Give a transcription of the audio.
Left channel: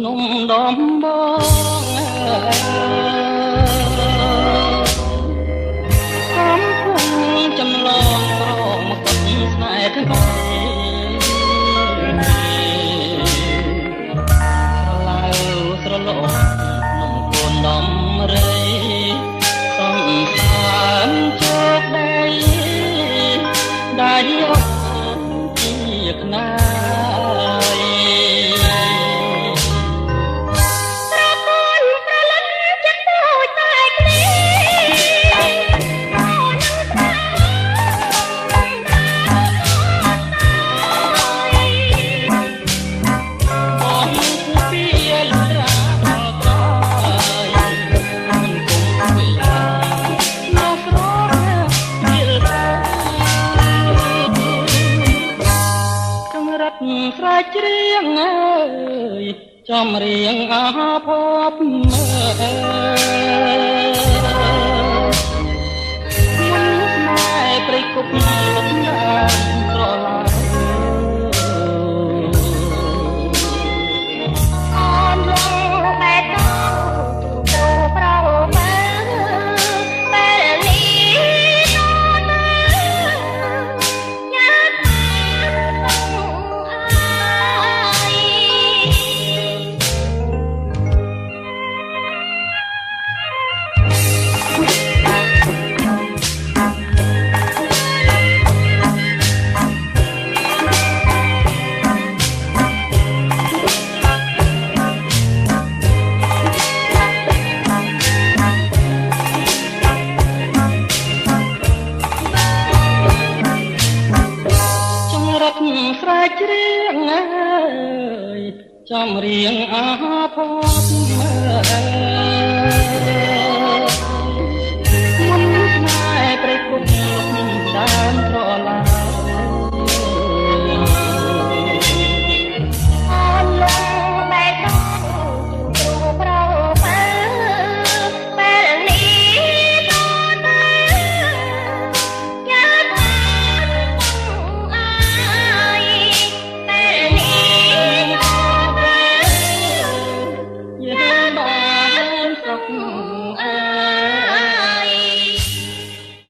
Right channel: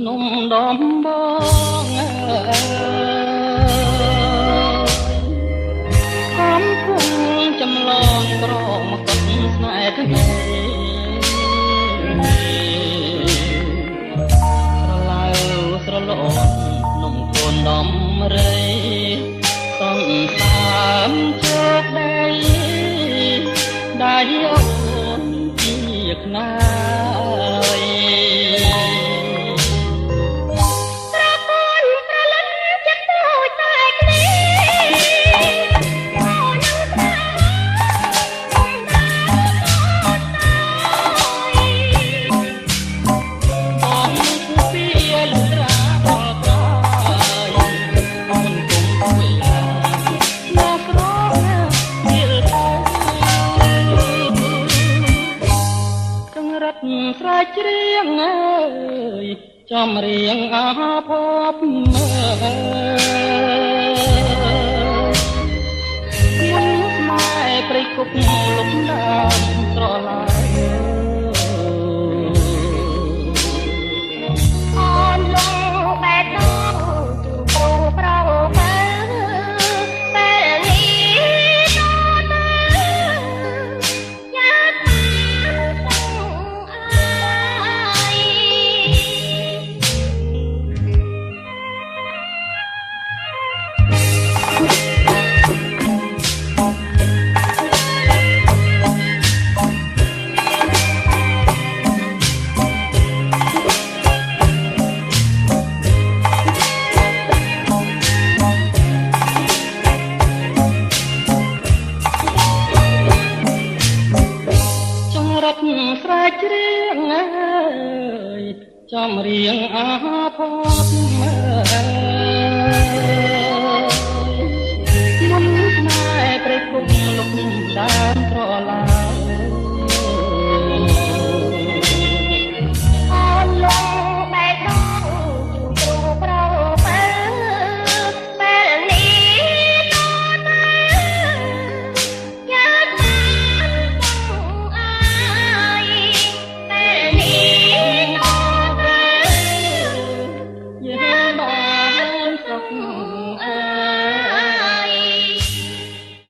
ក្នុងដំបងអំពុំចំឡងរងទឹកស្នេហ៍ក្នុងឡាវស្រឡងក្នុងពួនដំរីសង្ខារជោគដីយកជាកណាស្រែជ្រៀងអើយចំរៀងអាភពមិនស្នេហ៍ព្រៃគប់ពីតាមស្រឡាញ់អូនលោកបែកទៅទៅប្រោបែបែលីស្រែជ្រៀងអើយចំរៀងអាភព